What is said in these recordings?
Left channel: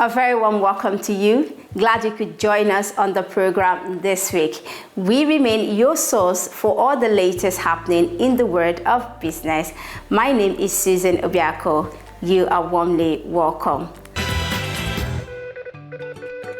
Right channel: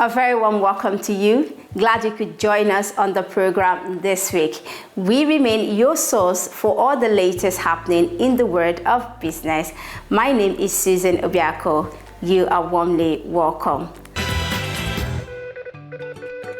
A very warm welcome to you. Glad you could join us on the program this week. We remain your source for all the latest happening in the world of business. My name is Susan Obiako. You are warmly welcome.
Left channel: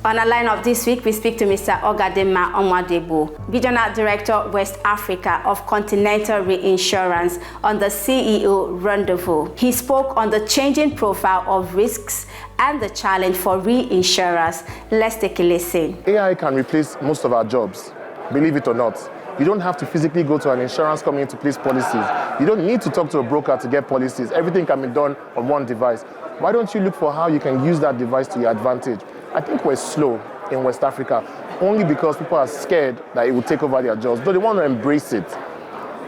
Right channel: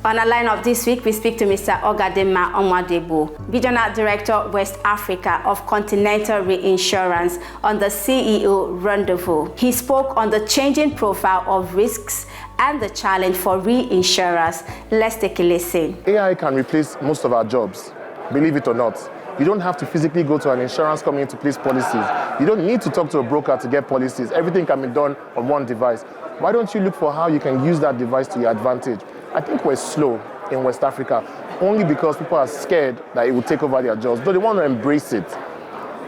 On our lineup this week, we speak to Mr. Ogadema Omadebo, Regional Director, West Africa of Continental Reinsurance, on the CEO Rendezvous. He spoke on the changing profile of risks and the challenge for reinsurers. Let's take a listen. AI can replace most of our jobs, believe it or not. You don't have to physically go to an insurance company to place policies. You don't need to talk to a broker to get policies. Everything can be done on one device. Why don't you look for how you can use that device to your advantage? I think we're slow in West Africa, only because people are scared that it will take over their jobs, but they want to embrace it.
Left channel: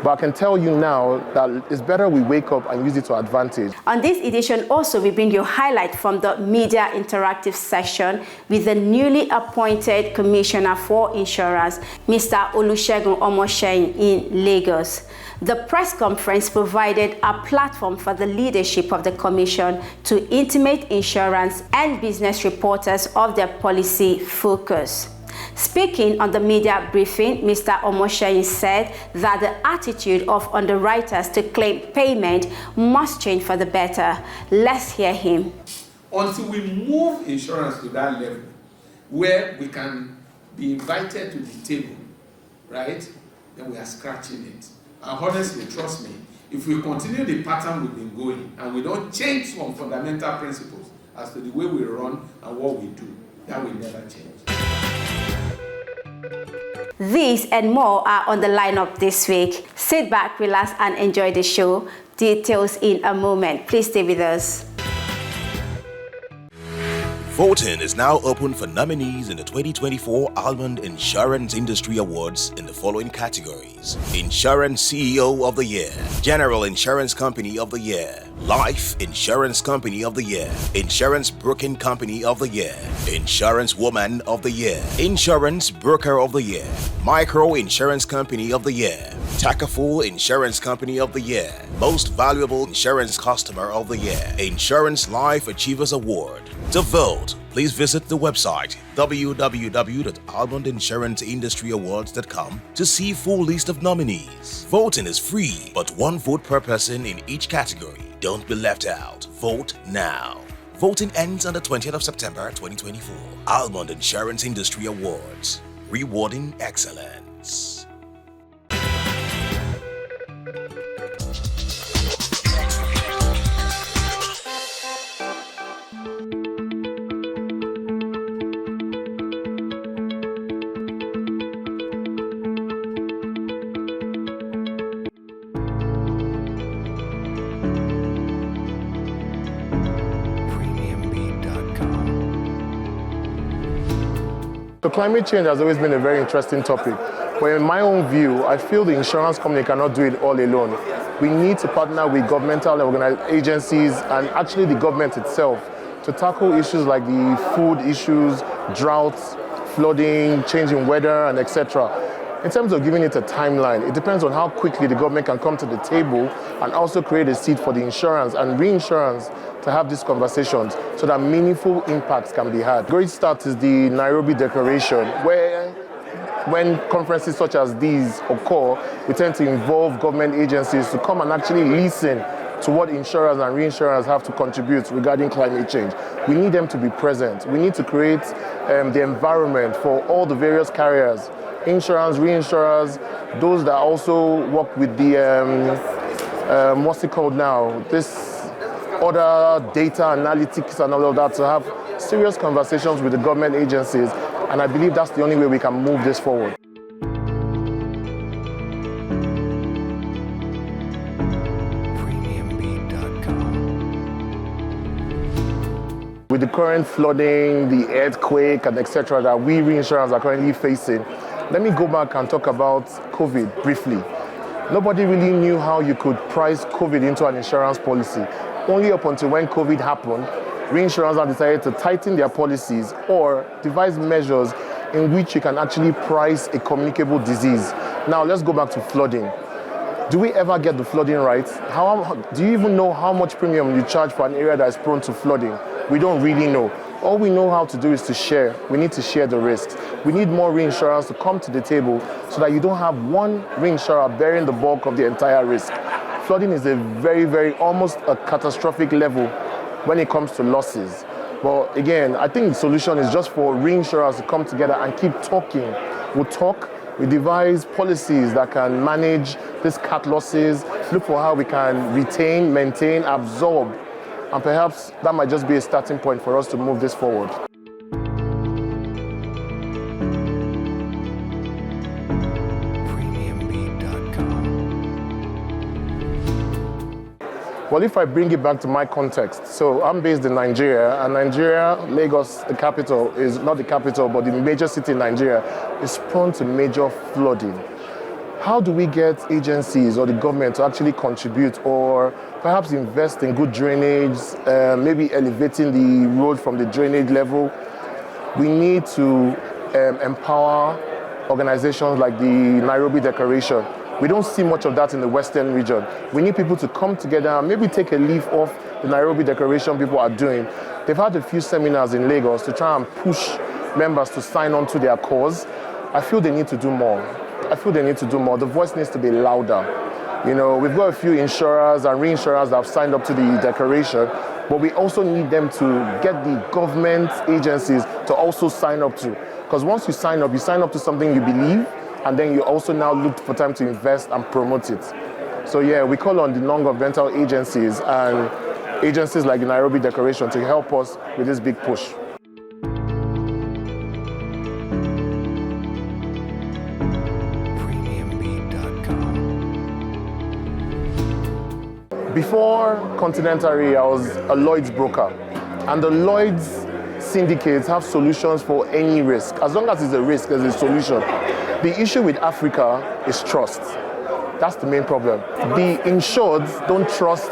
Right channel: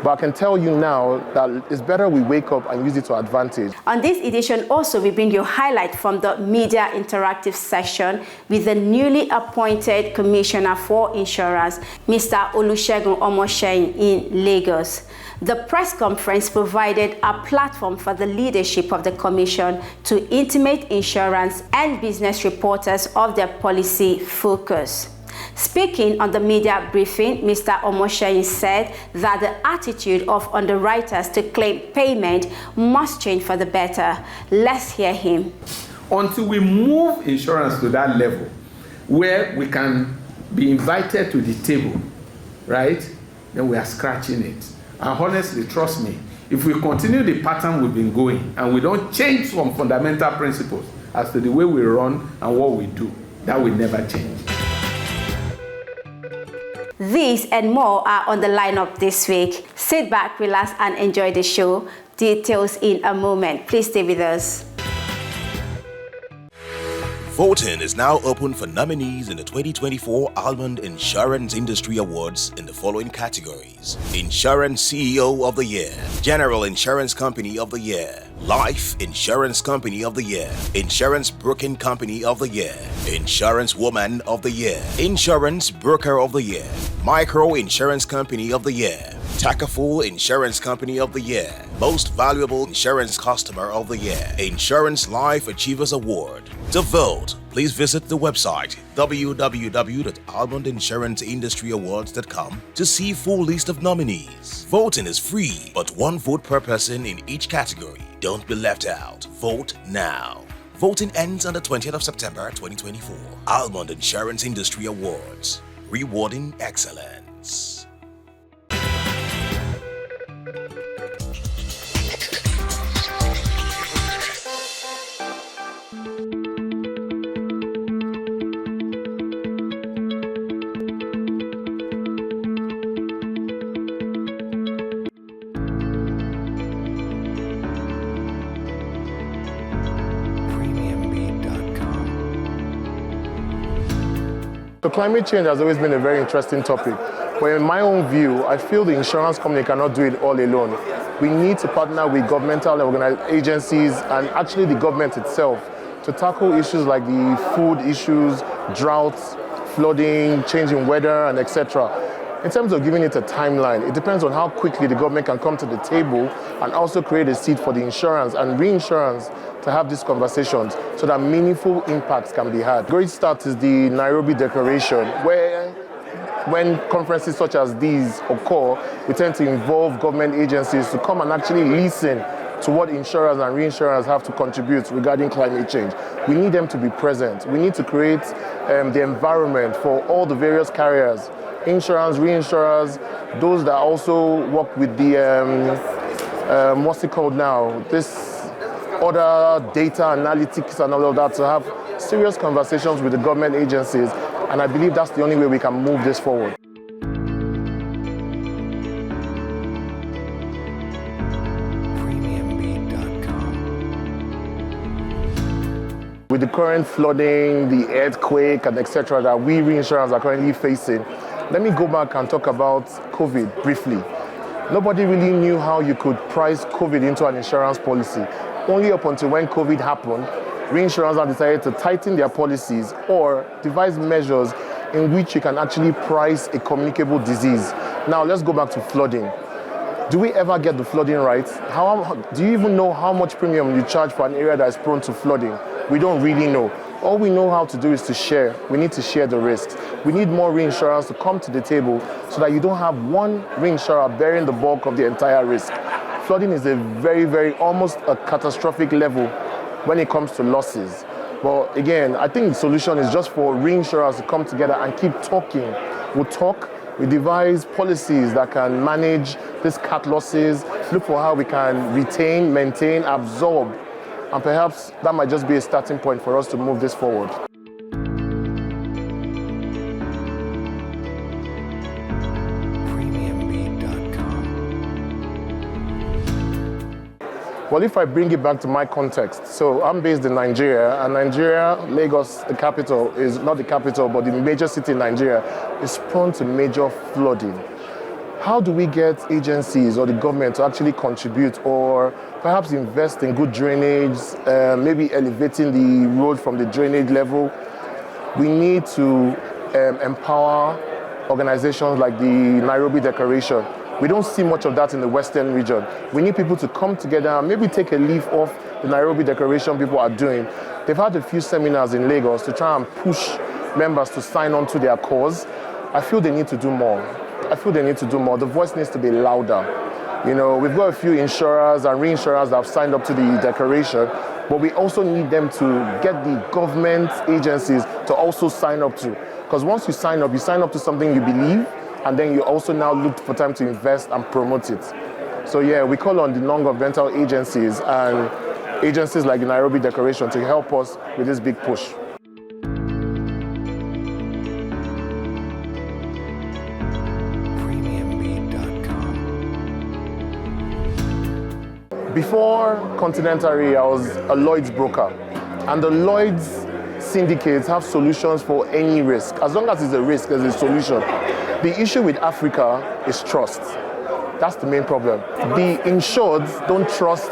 But I can tell you now that it's better we wake up and use it to advantage. On this edition also, we bring you a highlight from the media interactive session with the newly appointed Commissioner for Insurance, Mr. Olusegun Omosheyin in Lagos. The press conference provided a platform for the leadership of the Commission to intimate insurance and business reporters of their policy focus. Speaking on the media briefing, Mr. Omosheyin said that the attitude of underwriters to claim payment must change for the better. Let's hear him. Until we move insurance to that level where we can be invited to the table, right, then we are scratching it. And honestly, trust me, if we continue the pattern we've been going and we don't change some fundamental principles as to the way we run and what we do, that will never change. These and more are on the lineup this week. Sit back, relax, and enjoy the show. Details in a moment. Please stay with us. Voting is now open for nominees in the 2024 Almond Insurance Industry Awards in the following categories: Insurance CEO of the Year, General Insurance Company of the Year, Life Insurance Company of the Year, Insurance Broking Company of the Year, Insurance Woman of the Year, Insurance Broker of the Year, Micro Insurance Company of the Year, Takaful Insurance Company of the Year, Most Valuable Insurance Customer of the Year, Insurance Life Achievers Award. To vote, please visit the website www.almondinsuranceindustry.awards.com to see full list of nominees. Voting is free, but one vote per person in each category. Don't be left out. Vote now. Voting ends on the 20th of September 2024. Almond Insurance Industry Awards. Rewarding excellence. So climate change has always been a very interesting topic. But in my own view, I feel the insurance company cannot do it all alone. We need to partner with governmental agencies and actually the government itself to tackle issues like the food issues, droughts, flooding, changing weather, and etc. In terms of giving it a timeline, it depends on how quickly the government can come to the table and also create a seat for the insurance and reinsurance to have these conversations so that meaningful impacts can be had. Great start is the Nairobi Declaration, where when conferences such as these occur, we tend to involve government agencies to come and actually listen to what insurers and reinsurers have to contribute regarding climate change. We need them to be present. We need to create the environment for all the various carriers, insurance, reinsurers, those that also work with the, what's it called now? This other data analytics and all of that, to have serious conversations with the government agencies. And I believe that's the only way we can move this forward. With the current flooding, the earthquake, and etc. that we reinsurers are currently facing, let me go back and talk about COVID briefly. Nobody really knew how you could price COVID into an insurance policy. Only up until when COVID happened, reinsurers have decided to tighten their policies or devise measures in which you can actually price a communicable disease. Now let's go back to flooding. Do we ever get the flooding right? Do you even know how much premium you charge for an area that is prone to flooding? We don't really know. All we know how to do is to share. We need to share the risks. We need more reinsurers to come to the table so that you don't have one reinsurer bearing the bulk of the entire risk. Flooding is a very, almost a catastrophic level when it comes to losses. But again, I think the solution is just for reinsurers to come together and keep talking. We'll talk, we devise policies that can manage these cat losses, look for how we can retain, maintain, absorb, and perhaps that might just be a starting point for us to move this forward. Well, if I bring it back to my context, so I'm based in Nigeria, and Nigeria, Lagos, the capital, is not the capital, but the major city in Nigeria, is prone to major flooding. How do we get agencies or the government to actually contribute or perhaps invest in good drainage, maybe elevating the road from the drainage level? We need to empower organizations like the Nairobi Declaration. We don't see much of that in the Western region. We need people to come together and maybe take a leaf off the Nairobi Declaration people are doing. They've had a few seminars in Lagos to try and push members to sign on to their cause. I feel they need to do more. The voice needs to be louder. You know, we've got a few insurers and reinsurers that have signed up to the declaration, but we also need them to get the government agencies to also sign up to. Because once you sign up to something you believe, and then you also now look for time to invest and promote it. So yeah, we call on the non-governmental agencies and agencies like the Nairobi Declaration to help us with this big push. Before Continental Re, I was a Lloyd's broker, and the Lloyd's syndicates have solutions for any risk. As long as it's a risk, there's a solution. The issue with Africa is trust. That's the main problem. The insureds don't trust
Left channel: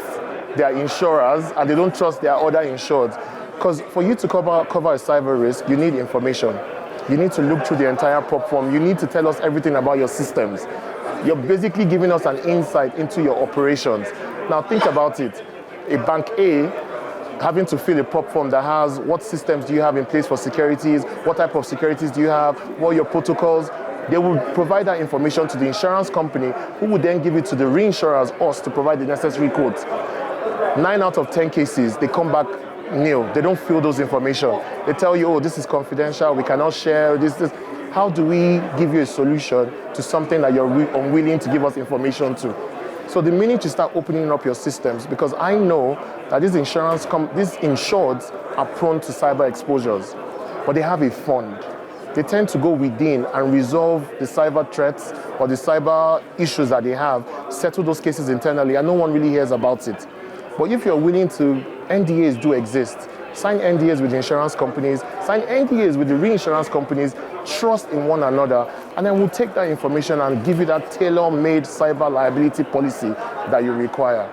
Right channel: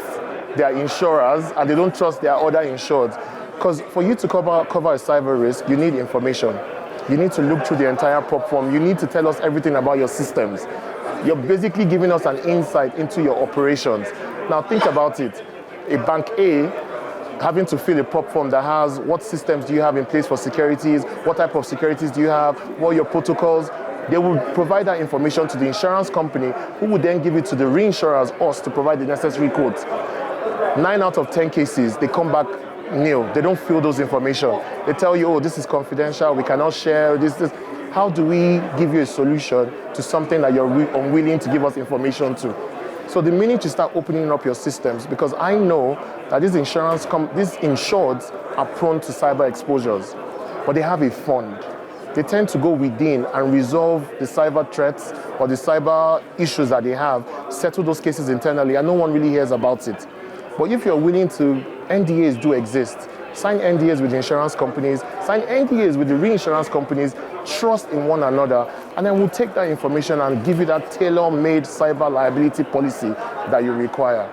their insurers, and they don't trust their other insureds. Because for you to cover a cyber risk, you need information. You need to look through the entire prop form. You need to tell us everything about your systems. You're basically giving us an insight into your operations. Now think about it. A bank A having to fill a prop form that has what systems do you have in place for securities, what type of securities do you have, what are your protocols. They will provide that information to the insurance company, who will then give it to the reinsurers, us, to provide the necessary quotes. 9 out of 10 cases, they come back nil. They don't fill those information. They tell you, oh, this is confidential, we cannot share this. How do we give you a solution to something that you're unwilling to give us information to? So the minute you start opening up your systems, because I know that these insureds are prone to cyber exposures, but they have a fund. They tend to go within and resolve the cyber threats or the cyber issues that they have, settle those cases internally, and no one really hears about it. But if you're willing to, NDAs do exist. Sign NDAs with the insurance companies, sign NDAs with the reinsurance companies, trust in one another, and then we'll take that information and give you that tailor-made cyber liability policy that you require.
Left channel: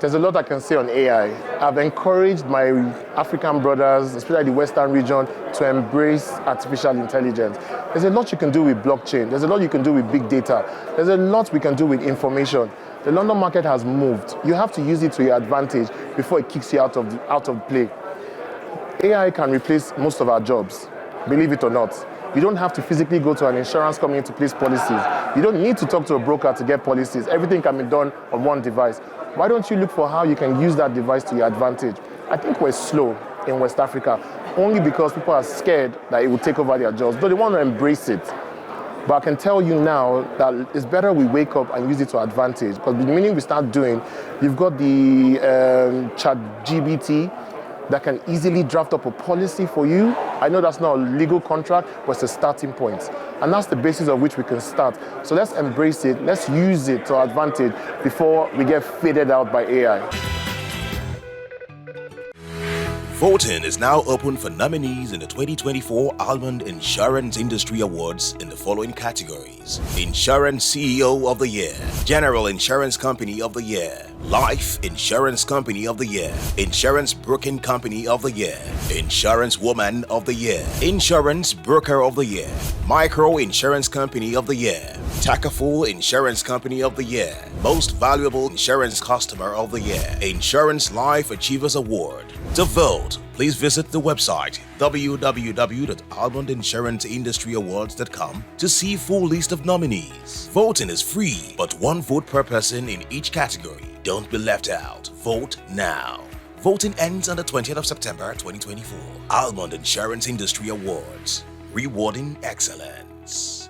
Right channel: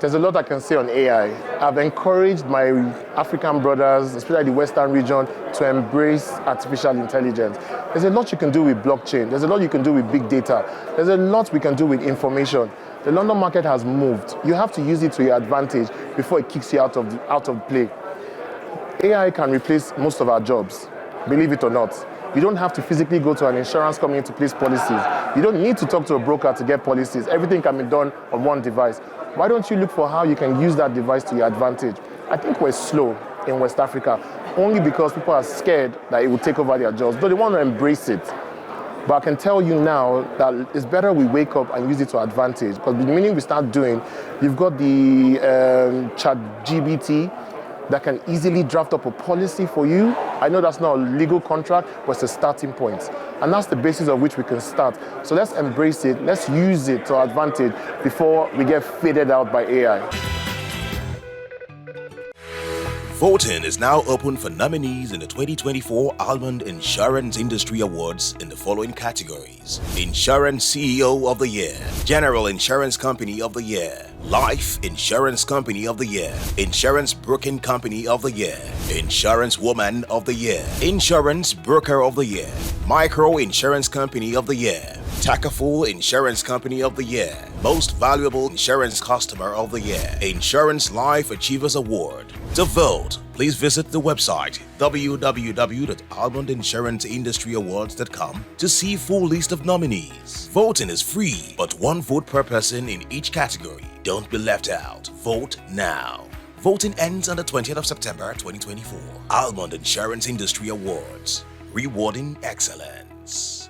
There's a lot I can say on AI. I've encouraged my African brothers, especially the Western region, to embrace artificial intelligence. There's a lot you can do with blockchain. There's a lot you can do with big data. There's a lot we can do with information. The London market has moved. You have to use it to your advantage before it kicks you out of play. AI can replace most of our jobs, believe it or not. You don't have to physically go to an insurance company to place policies. You don't need to talk to a broker to get policies. Everything can be done on one device. Why don't you look for how you can use that device to your advantage? I think we're slow in West Africa, only because people are scared that it will take over their jobs, but they want to embrace it. But I can tell you now that it's better we wake up and use it to advantage, because the minute we start doing, you've got the ChatGPT that can easily draft up a policy for you. I know that's not a legal contract, but it's a starting point. And that's the basis of which we can start. So let's embrace it, let's use it to our advantage before we get faded out by AI. Voting is now open for nominees in the 2024 Almond Insurance Industry Awards in the following categories: Insurance CEO of the Year, General Insurance Company of the Year, Life Insurance Company of the Year, Insurance Broking Company of the Year, Insurance Woman of the Year, Insurance Broker of the Year, Micro Insurance Company of the Year, Takaful Insurance Company of the Year, Most Valuable Insurance Customer of the Year, Insurance Life Achievers Award. To vote, please visit the website www.almondinsuranceindustry.awards.com to see full list of nominees. Voting is free, but one vote per person in each category. Don't be left out. Vote now. Voting ends on the 20th of September 2024. Almond Insurance Industry Awards, rewarding excellence.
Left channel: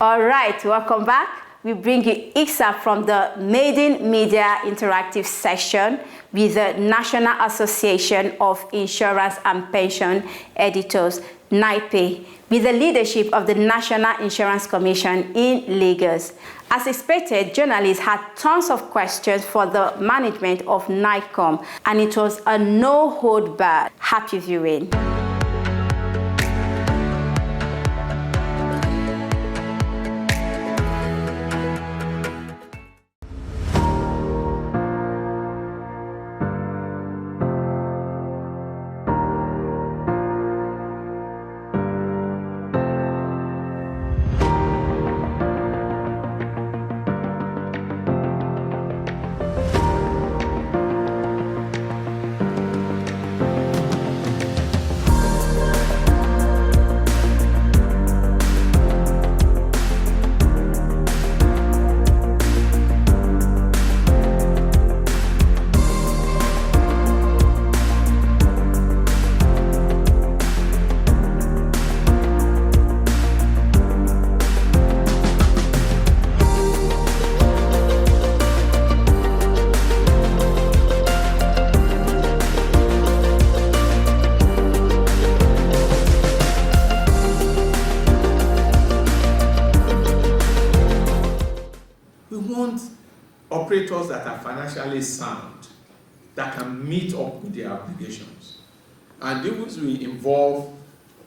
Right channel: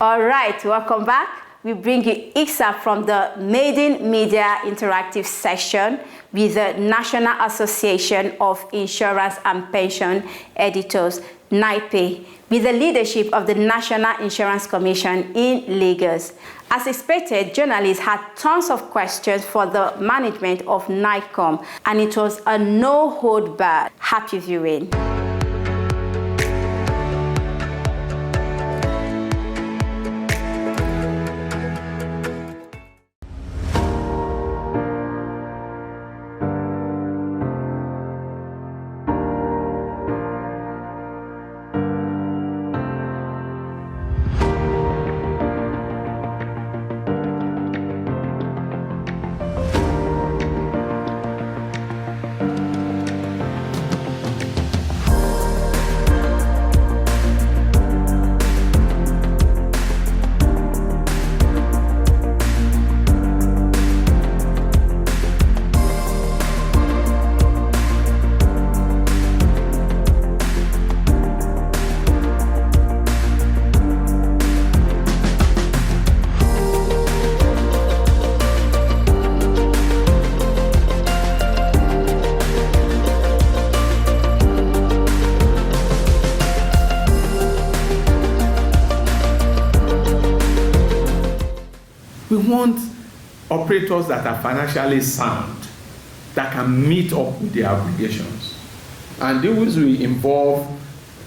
All right, welcome back. We bring you Iksa from the Maiden Media Interactive session with the National Association of Insurance and Pension Editors, NAIPE, with the leadership of the National Insurance Commission in Lagos. As expected, journalists had tons of questions for the management of NAICOM, and it was a no-hold-barred. Happy viewing. Operators that are financially sound, that can meet up with their obligations. And these will involve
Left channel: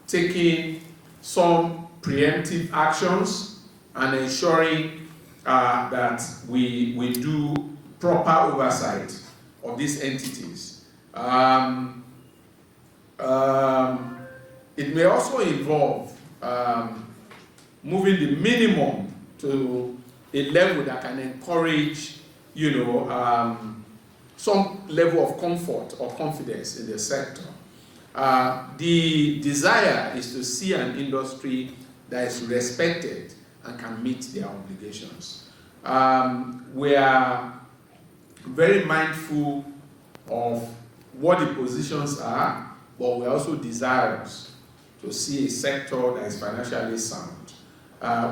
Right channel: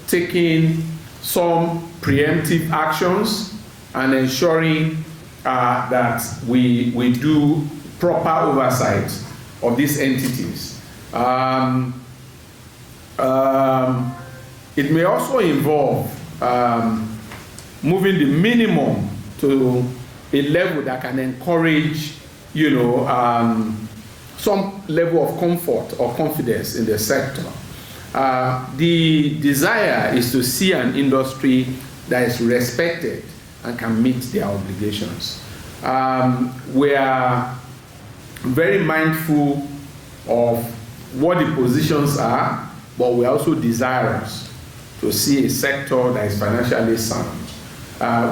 taking some preemptive actions and ensuring that we do proper oversight of these entities. It may also involve moving the minimum to a level that can encourage, some level of comfort or confidence in the sector. The desire is to see an industry that is respected and can meet their obligations. We are very mindful of what the positions are, but we're also desirous to see a sector that is financially sound.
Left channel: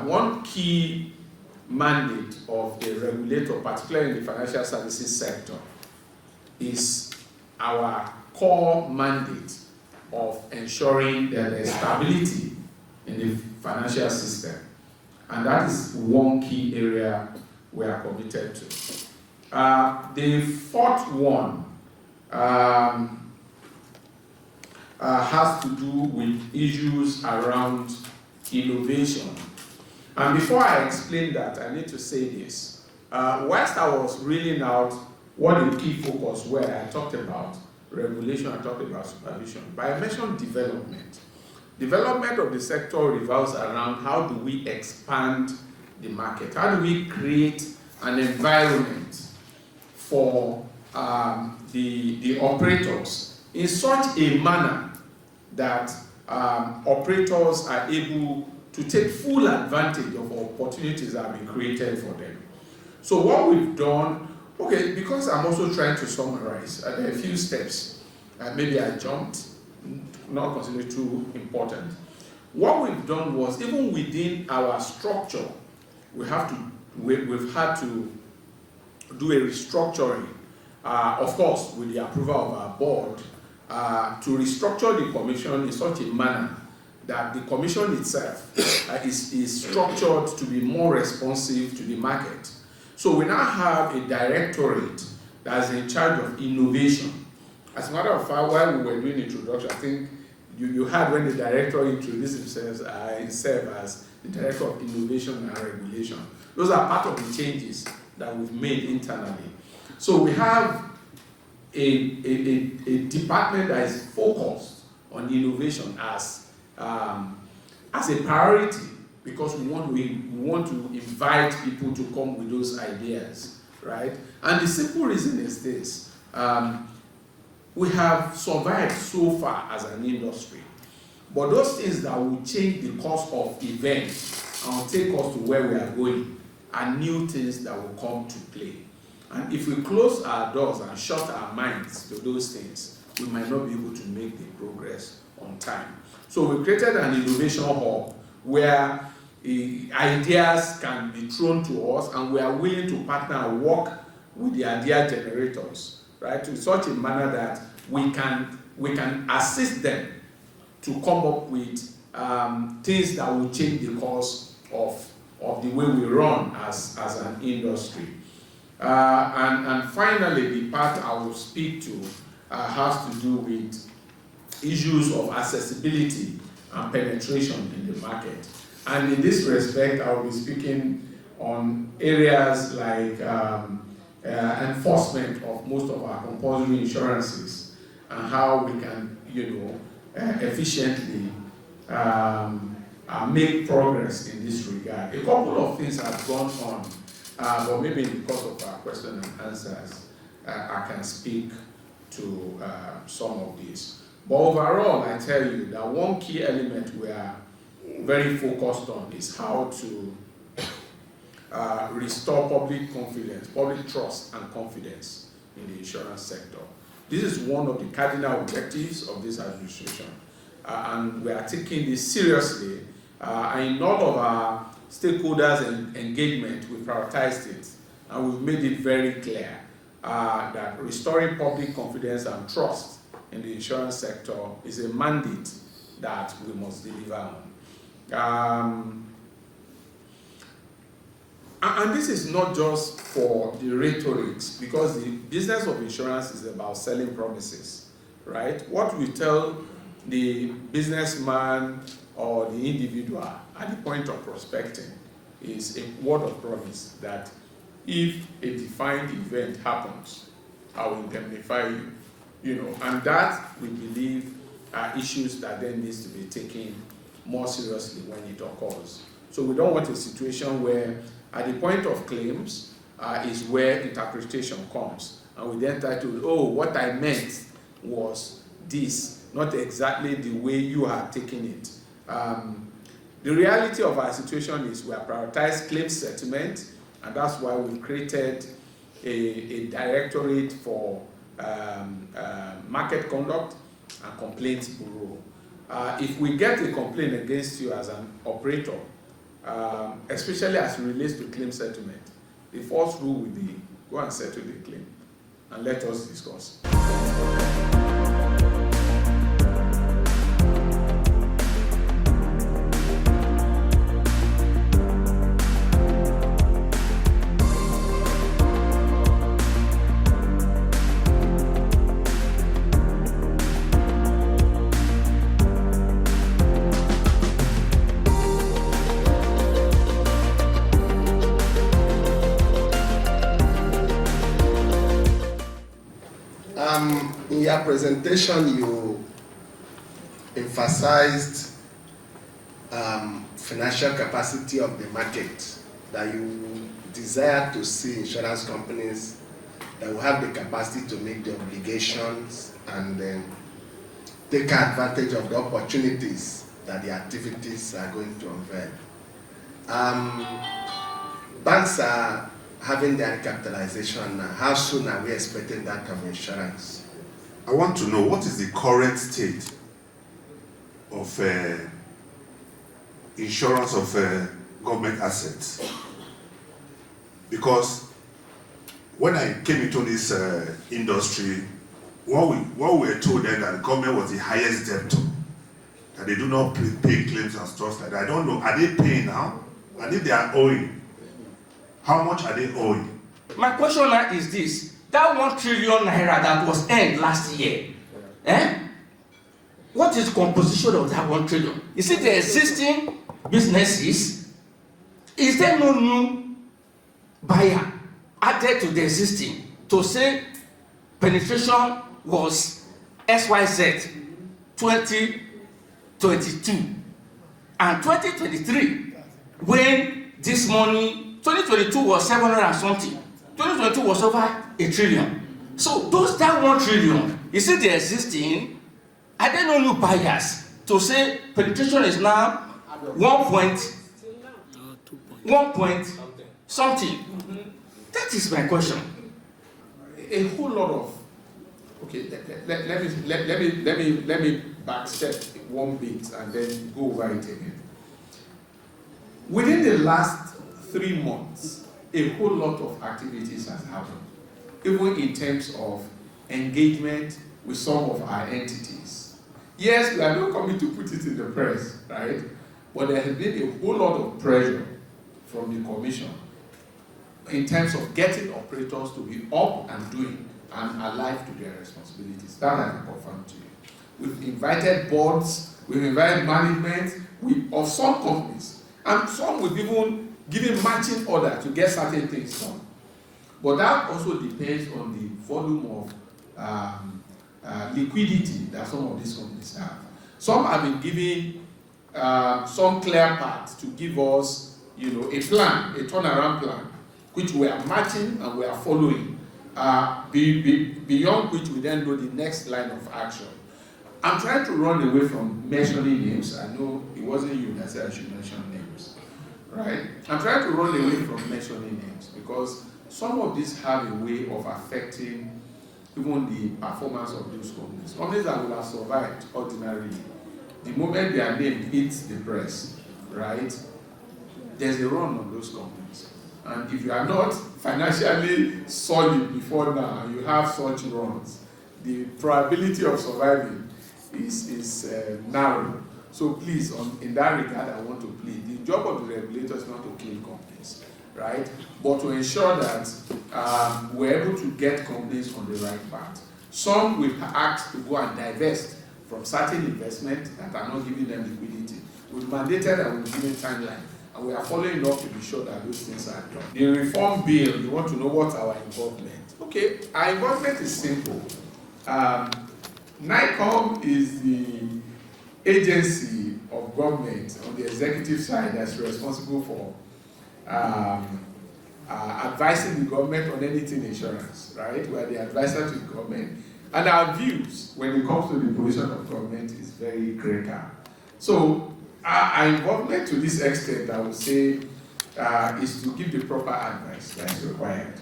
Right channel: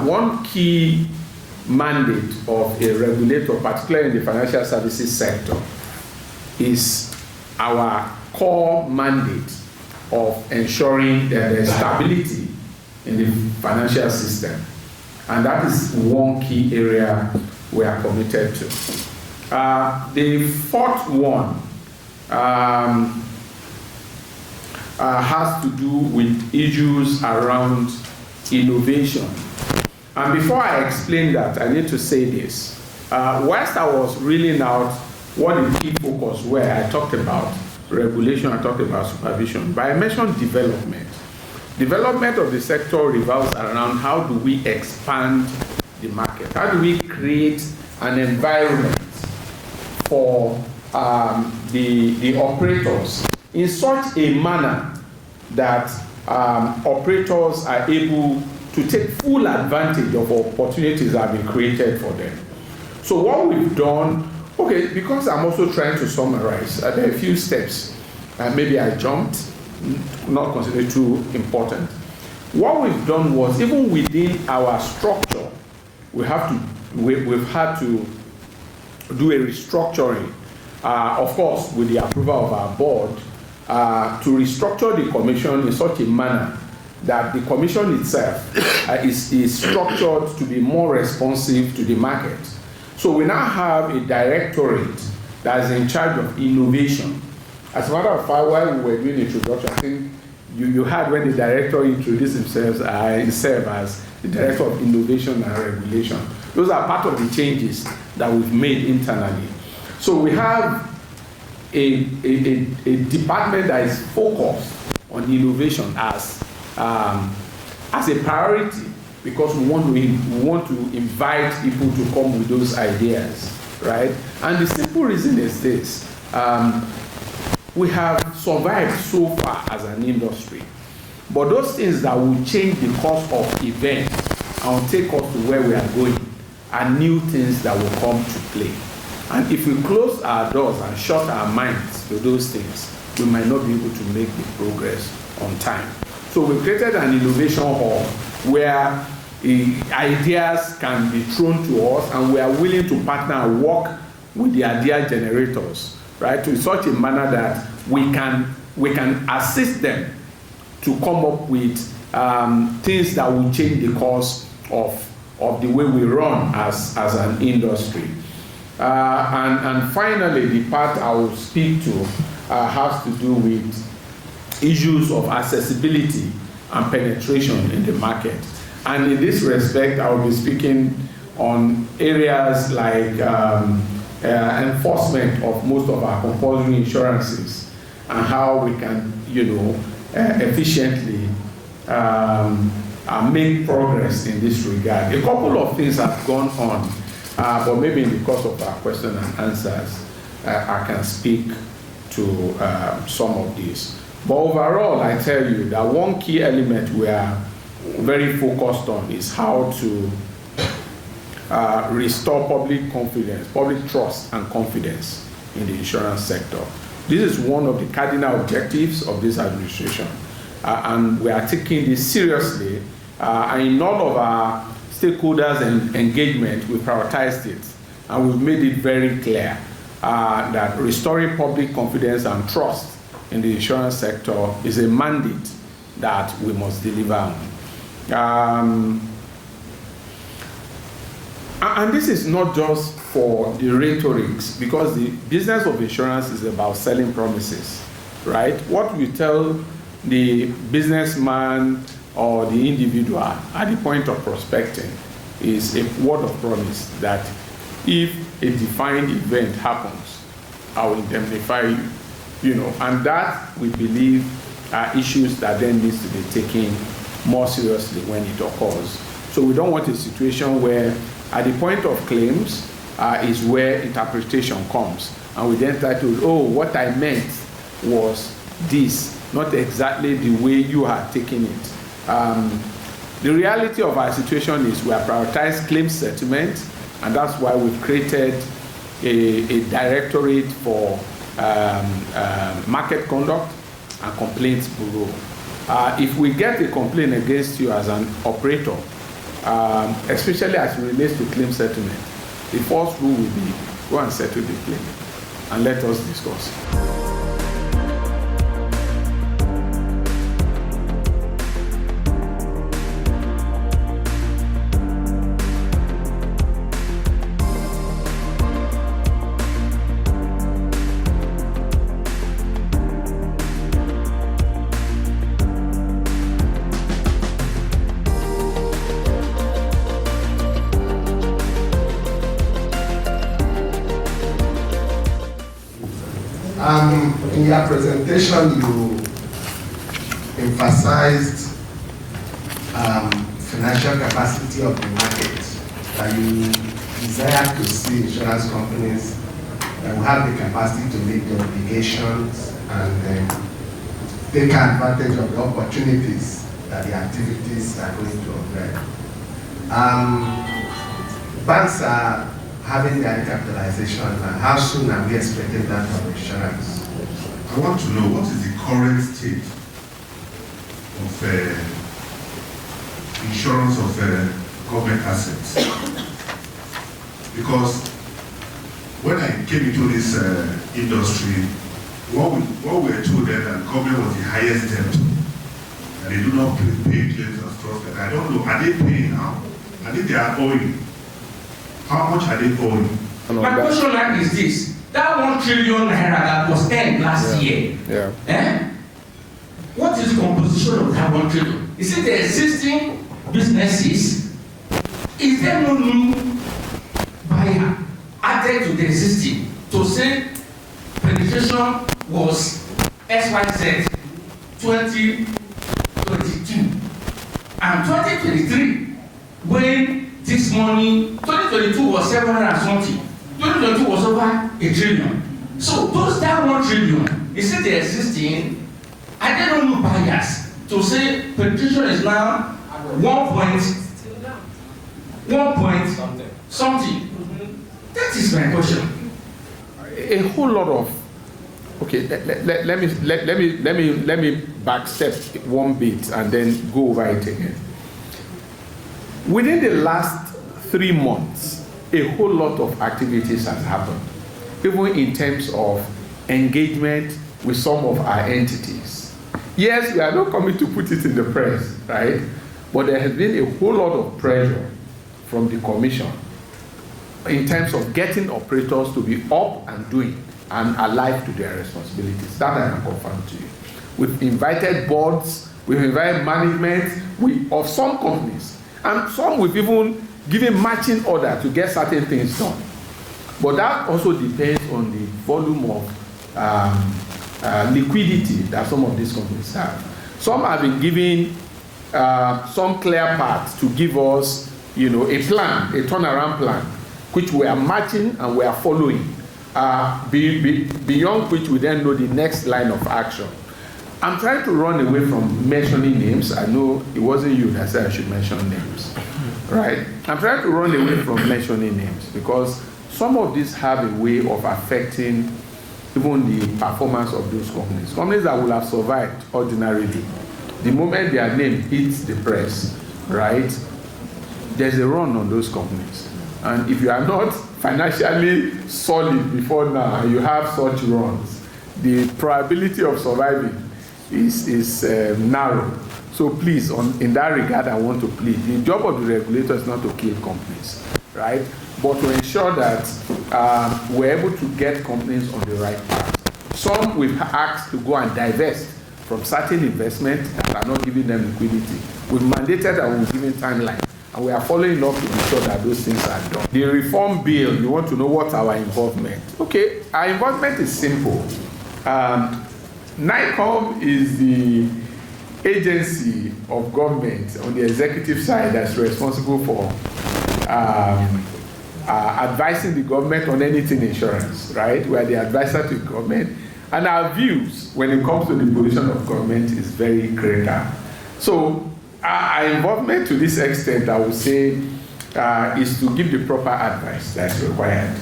One key mandate of a regulator, particularly in the financial services sector, is our core mandate of ensuring that there is stability in the financial system. And that is one key area we are committed to. The fourth one has to do with issues around innovation. And before I explain that, I need to say this. Whilst I was reeling out what the key focus were, I talked about regulation, I talked about supervision, but I mentioned development. Development of the sector revolves around how do we expand the market? How do we create an environment for the operators in such a manner that operators are able to take full advantage of opportunities that have been created for them. So what we've done, okay, because I'm also trying to summarize, there are a few steps, maybe I jumped, not considered too important. What we've done was, even within our structure, we've had to do a restructuring, of course, with the approval of our board, to restructure the commission in such a manner that the commission itself is structured to be more responsive to the market. So we now have a directorate that is in charge of innovation. As a matter of fact, while we were doing the introduction, I think you heard when the director introduced himself as the Director of Innovation and Regulation. Those are part of the changes that we've made internally. So we have a department that is focused on innovation as as a priority because we want to invite people to come with those ideas, right? And the simple reason is this. We have survived so far as an industry, but those things that will change the course of events and will take us to where we are going are new things that will come to play. And if we close our doors and shut our minds to those things, we might not be able to make the progress on time. So we created an innovation hall where ideas can be thrown to us, and we are willing to partner and work with the idea generators, right, to such a manner that we can assist them to come up with things that will change the course of the way we run as an industry. And finally, the part I will speak to has to do with issues of accessibility and penetration in the market. And in this respect, I will be speaking on areas like enforcement of most of our compulsory insurances and how we can, efficiently make progress in this regard. A couple of things have gone on, but maybe in the course of our question and answers, I can speak to some of these. But overall, I tell you that one key element we are very focused on is how to restore public confidence, public trust and confidence in the insurance sector. This is one of the cardinal objectives of this administration, and we are taking this seriously. And in all of our stakeholders and engagement, we prioritized it, and we've made it very clear that restoring public confidence and trust in the insurance sector is a mandate that we must deliver on. And this is not just for the rhetorics, because the business of insurance is about selling promises, right? What we tell the businessman or the individual at the point of prospecting is a word of promise that if a defined event happens, I will indemnify you, and that we believe are issues that then needs to be taken more seriously when it occurs. So we don't want a situation where at the point of claims is where interpretation comes, and we then try to, oh, what I meant was this, not exactly the way you are taking it. The reality of our situation is we have prioritized claims settlement, and that's why we've created a directorate for market conduct and complaints bureau. If we get a complaint against you as an operator, especially as it relates to claim settlement, the first rule will be go and settle the claim and let us discuss. In your presentation, you emphasized financial capacity of the market, that you desire to see insurance companies that will have the capacity to meet their obligations and take advantage of the opportunities that the activities are going to offer. Banks are having their capitalization. How soon are we expecting that from insurance? I want to know what is the current state of insurance of government assets. Because when I came into this industry, what we were told that the government was the highest debt, and they do not pay claims and stuff like that. I don't know, are they paying now? I think they are owing. How much are they owing? My question is this. That 1 trillion naira that was earned last year, what is the composition of that 1 trillion? Is it the existing businesses? Is there no new buyer added to the existing to say penetration was XYZ 2022? And 2023, when this money, 2022 was 700 and something, 2022 was over $1 trillion. So those that $1 trillion, is it the existing? I don't know buyers to say penetration is now 1 point something. That is my question. A whole lot of, okay, let me backstep one bit and then go over it again. Within the last 3 months, a whole lot of activities has happened, even in terms of engagement with some of our entities. Yes, we are not coming to put it in the press, right? But there has been a whole lot of pressure from the Commission in terms of getting operators to be up and doing and alive to their responsibilities. That I can confirm to you. We've invited boards, we've invited management of some companies, and some we've even given matching order to get certain things done. But that also depends on the volume of liquidity that some of these companies have. Some have been given some clear paths to give us, a plan, a turnaround plan, which we are matching and we are following, beyond which we then know the next line of action. I'm trying to run away from mentioning names. I know it wasn't you that said I should mention names, right? I'm trying to run away from mentioning names because some of these have a way of affecting even the performance of those companies. Companies that will have survived ordinarily, the moment their name hits the press, right, there's a run on those companies. And if you are not financially solid before now and you have such runs, the probability of surviving is narrow. So please, in that regard, I want to plead. The job of the regulator is not to kill companies, right? But to ensure that we're able to get companies on the right path. Some we've asked to go and divest from certain investments that are not giving them liquidity. We've mandated and we've given timeline. And we are following up to be sure that those things are done. The reform bill, you want to know what's our involvement. Okay, our involvement is simple. NAICOM is the agency of government on the executive side that's responsible for advising the government on anything insurance, right? We are the advisor to the government. And our views when it comes to the position of government is very greater. So our involvement to this extent, I would say, is to give the proper advice that's required,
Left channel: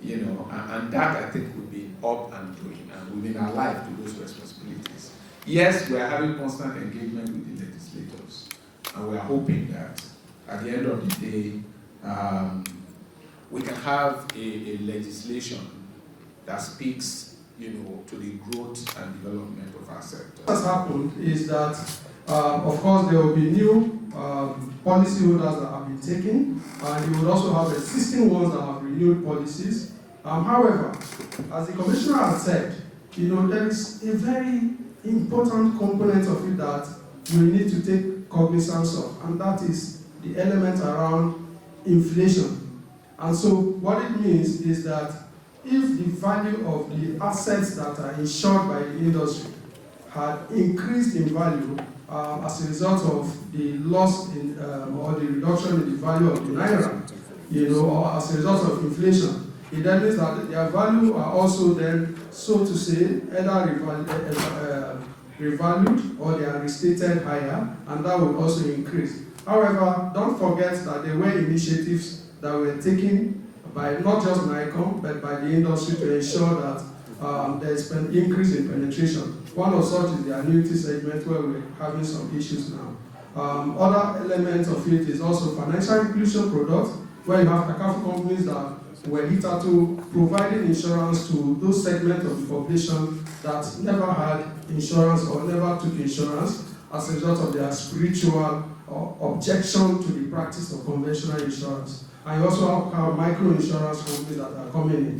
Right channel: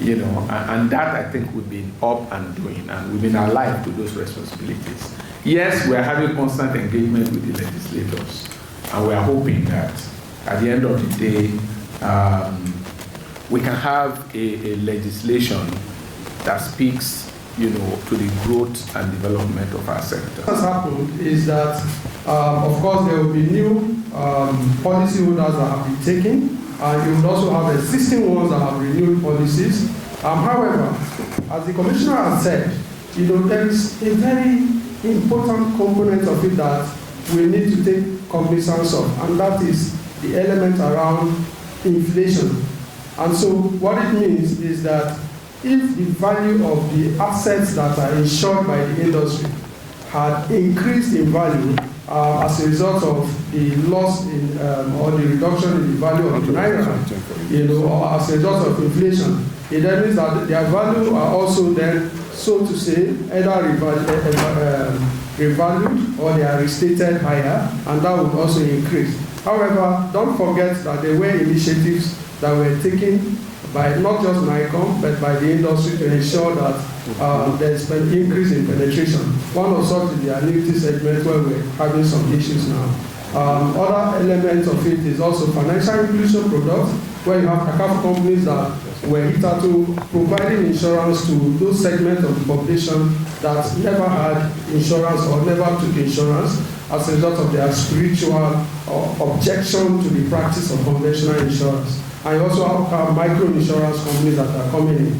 and that I think we've been up and doing, and we've been alive to those responsibilities. Yes, we are having constant engagement with the legislators, and we are hoping that at the end of the day, we can have a legislation that speaks, to the growth and development of our sector. What has happened is that, of course, there will be new policy holders that have been taken, and you will also have existing ones that have renewed policies. However, as the Commissioner has said, there is a very important component of it that we need to take cognizance of, and that is the element around inflation. And so what it means is that if the value of the assets that are insured by the industry had increased in value as a result of the loss in or the reduction in the value of the naira, or as a result of inflation, it then means that their value are also then, so to say, either revalued or they are restated higher, and that would also increase. However, don't forget that there were initiatives that were taken by not just NAICOM, but by the industry to ensure that there is an increase in penetration. One of such is the annuity segment where we're having some issues now. Other elements of it is also financial inclusion products, where you have cacao companies that were hitherto providing insurance to those segments of the population that never had insurance or never took insurance as a result of their spiritual objection to the practice of conventional insurance. And you also have micro-insurance companies that are coming in.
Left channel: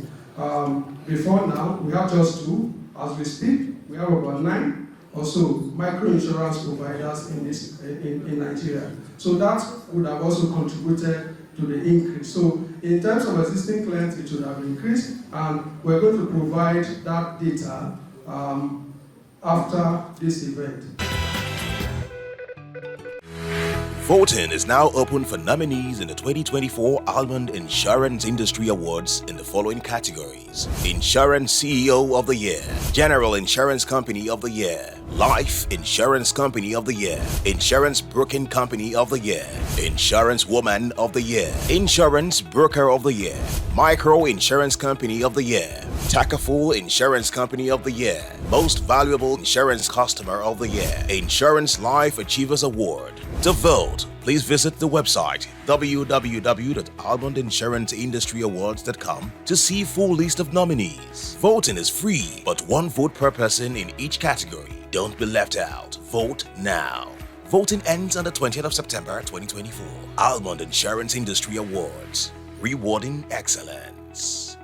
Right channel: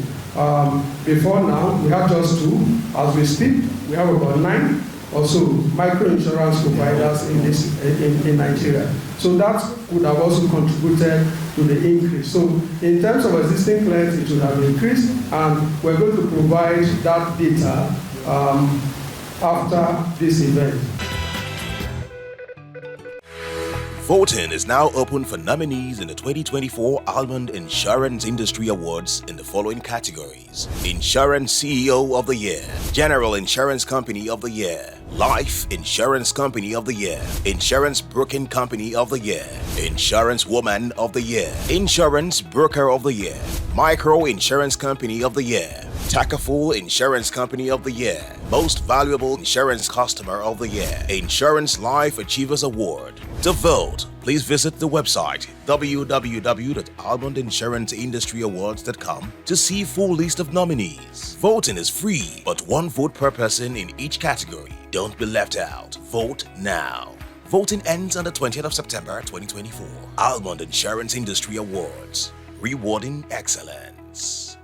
Before now, we have just 2. As we speak, we have about 9 or so micro-insurance providers in Nigeria. So that would have also contributed to the increase. So in terms of existing clients, it should have increased, and we're going to provide that data after this event. Voting is now open for nominees in the 2024 Almond Insurance Industry Awards in the following categories: Insurance CEO of the Year, General Insurance Company of the Year, Life Insurance Company of the Year, Insurance Broking Company of the Year, Insurance Woman of the Year, Insurance Broker of the Year, Micro Insurance Company of the Year, Takaful Insurance Company of the Year, Most Valuable Insurance Customer of the Year, Insurance Life Achievers Award. To vote, please visit the website www.almondinsuranceindustry.awards.com to see full list of nominees. Voting is free, but one vote per person in each category. Don't be left out. Vote now. Voting ends on the 20th of September 2024. Almond Insurance Industry Awards. Rewarding excellence.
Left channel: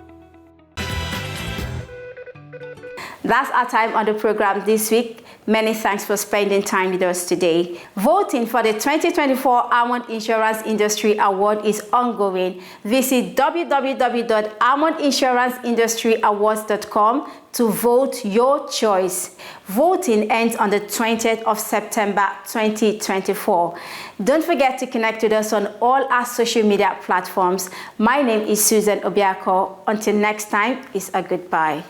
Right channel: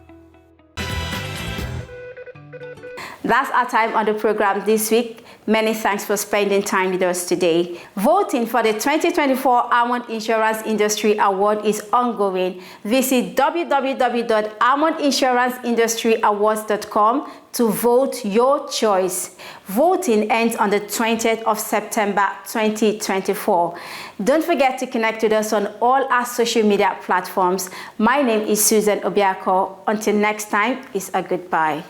That's our time on the program this week. Many thanks for spending time with us today. Voting for the 2024 Almond Insurance Industry Award is ongoing. Visit www.almondinsuranceindustry.awards.com to vote your choice. Voting ends on the 20th of September 2024. Don't forget to connect with us on all our social media platforms. My name is Susan Obiako. Until next time, it's a goodbye.